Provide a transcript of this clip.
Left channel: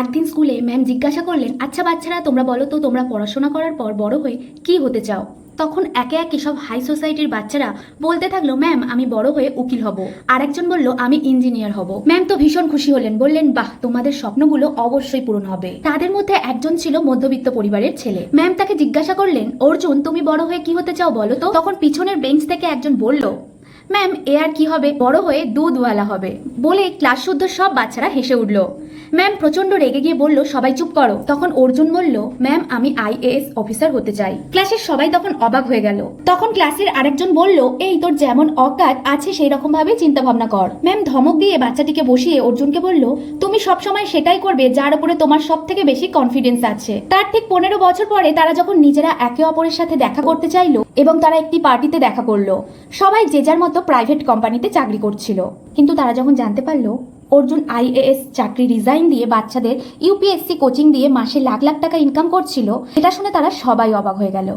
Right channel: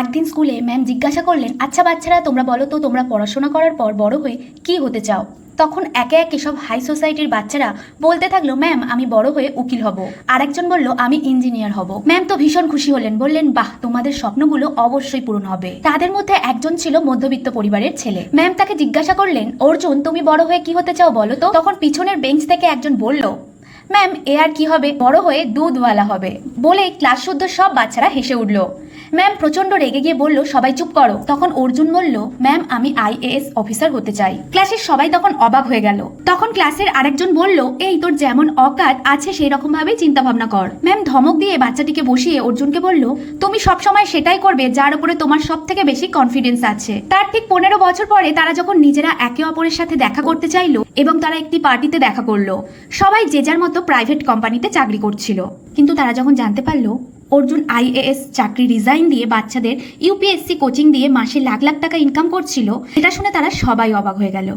একদিন স্কুলে ম্যাম জিজ্ঞাসা করলেন আচ্ছা বাচ্চারা, তোমরা বলো তো, তোমরা পড়াশোনা করার পর বড় হয়ে কি হতে চাও? তখন একে একে সব হাই সোসাইটির বাচ্চারা বলতে থাকল, ম্যাম, আমি বড় হয়ে উকিল হব। আরেকজন বলল, আমি ইঞ্জিনিয়ার হব। ম্যাম তো ভীষণ খুশি হলেন, বললেন, বাহ, তোমাদের স্বপ্নগুলো অবশ্যই পূরণ হবে। তাদের মধ্যে একজন ছিল মধ্যবিত্ত পরিবারের ছেলে। ম্যাম তাকে জিজ্ঞাসা করলেন, অর্জুন, তুমি বড় হয়ে কি হতে চাও বলো তো? তখন পিছনের বেঞ্চ থেকে একজন বলল ম্যাম, এ আর কি হবে? বড় হয়ে দুধওয়ালা হবে। বলে ক্লাস শুদ্ধ সব বাচ্চারা হেসে উঠল। ম্যাম প্রচণ্ড রেগে গিয়ে বলল, সবাই চুপ করো। তখন অর্জুন বলল, ম্যাম, আমি আইএএস অফিসার হতে চাই। ক্লাসের সবাই তখন অবাক হয়ে গেল। তখন ক্লাসের আরেকজন বলল, এই তোর যেমন অকাত, আছে সেই রকম ভাবে চিন্তা ভাবনা কর। ম্যাম ধমক দিয়ে বাচ্চাটিকে বসিয়ে অর্জুনকে বলল, তুমি সব সময় সেটাই করবে যার উপরে তোমার সব থেকে বেশি কনফিডেন্স আছে। তার ঠিক পনেরো বছর পরে তারা যখন নিজেরা একে অপরের সাথে দেখা করতে চাইলো এবং তারা একটি পার্টিতে দেখা করল। সবাই যে যার মতো প্রাইভেট কোম্পানিতে চাকরি করছিল। কিন্তু তারা যখন জানতে পারল, অর্জুন আইএএস চাকরি রিজাইন দিয়ে বাচ্চাদের ইউপিএসসি কোচিং দিয়ে মাসে লাখ লাখ টাকা ইনকাম করছিল, এটা শুনে তারা সবাই অবাক হয়ে গেল।